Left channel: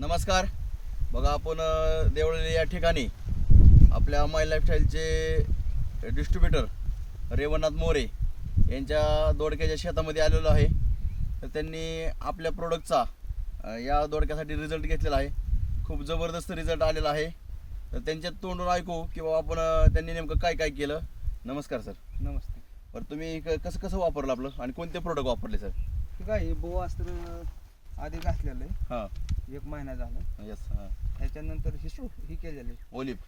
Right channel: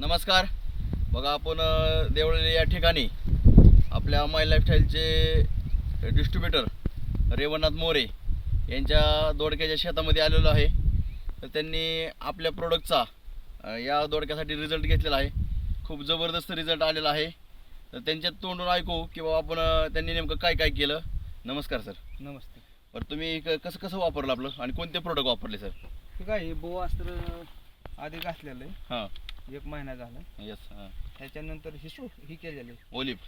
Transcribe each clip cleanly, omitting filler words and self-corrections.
नमस्कार. बघा आपण देवळी या ठिकाणी आपल्या माय लाईफस्टाईलचे डिस्ट्रीब्युटर रेवणनाथ मोरे यांच्या दोडक्याच्या शेतामध्ये आलेलो आहे. तर त्यांनी आपल्या प्रोडक्टचा या दोडक्यासाठी रिझल्ट घेतलेला आहे. खूप जबरदस्त रिझल्ट आलेला आहे. तर त्यांच्या तोंडून ऐकू की बाबा आपण त्यांनी नेमकं काय काय केलं. नमस्कार सर. नमस्ते. बरं तुम्ही कसं कसं वापरलं आपलं आणि कोणते प्रोडक्ट वापरले सर? ठीक आहे. बोवास्त्र आधी घातलेलं आहे. हां 1 महिना झाला. यस. हां त्याच्यानंतर ही केलेलं आहे. ओलिप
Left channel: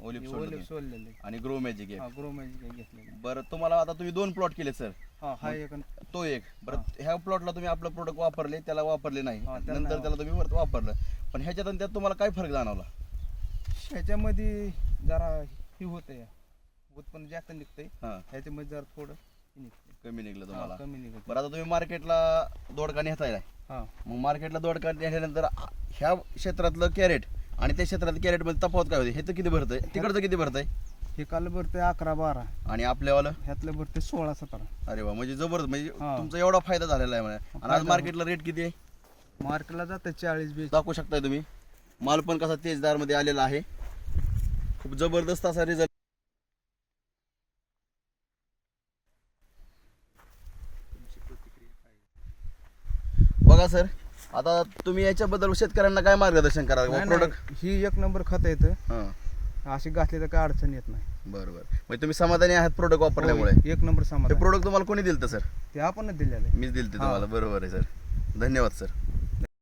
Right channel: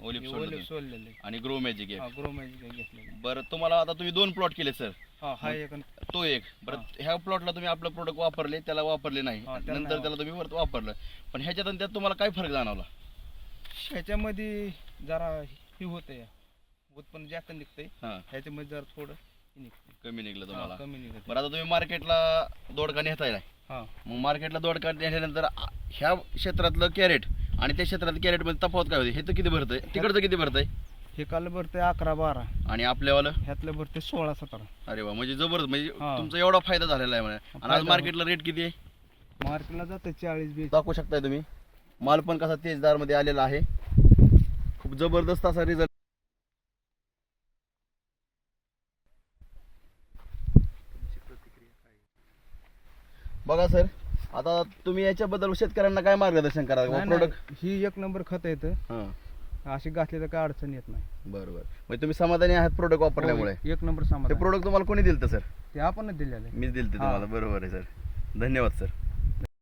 ओलिप सोडलेलं आहे. आणि ग्रो मॅजिक आहे. ग्रो मॅजिक घेतलेलं. बरं तुम्हाला आता तुम्ही 2 प्लॉट केले सर. हा एक तो एक. बरं ह्या प्लॉटला तुम्ही आपलं प्रोडक्ट वापरले, त्याला वापरले नाही, नंतर त्याला तुम्ही परत वापरलं. पण ह्याच्यात आणि त्यात तुम्हाला काय फरक जाणवला? ह्याच्यामध्ये जरा ही होतंय, उत्पन्न जास्त निघतंय. हां ह्याच्यामध्ये जरा थोडं निघतंय, कमी निघलं तुम्हाला. कमी निघत. बरं आता तुम्ही मार्केटला दोडका नेताय हां मग मार्केटला दोडका नेल्यानंतर ह्या क्षेत्रातलं कॅरेट आणि त्या क्षेत्रातलं कॅरेटमध्ये तफावत काय होते? हे तर किती भरतंय, तिकडचं किती भरतंय हे काल भरतंय 11-12 आणि आपल्यावालं? ह्यातलं भरतंय 16-17. अरे वा, म्हणजे जबरदस्त. म्हणजे हां. तुमचा एवढा फायदा झालेला आहे म्हणे. आणि आज फायदा मार्केटला रेट किती आहे मार्केटला जातं 40-20. दाखवू शकताय तुम्ही. माल पण कसा तेजदारमध्ये आलेला आहे. खूप जबरदस्त असा रिझल्ट. बघा सर, आता तुम्ही याच्याबद्दल शेतकऱ्यांना काय मार्गदर्शन करा? नाही, प्रोडक्ट नाही, ही 1 नंबर खत येतं. अशी घातली तर काय अडचण येत नाही. बरं बरं. म्हणजे तुम्ही समाधानी आहात प्रोडक्ट वापरल्यामुळे? 1 नंबर हे सामान. प्रोडक्ट तुम्हाला कोणी दिलं सर? ते आपणच दिलेलं आहे. मीच दिलं तुम्हाला. बरोबर आहे सर. धन्यवाद सर.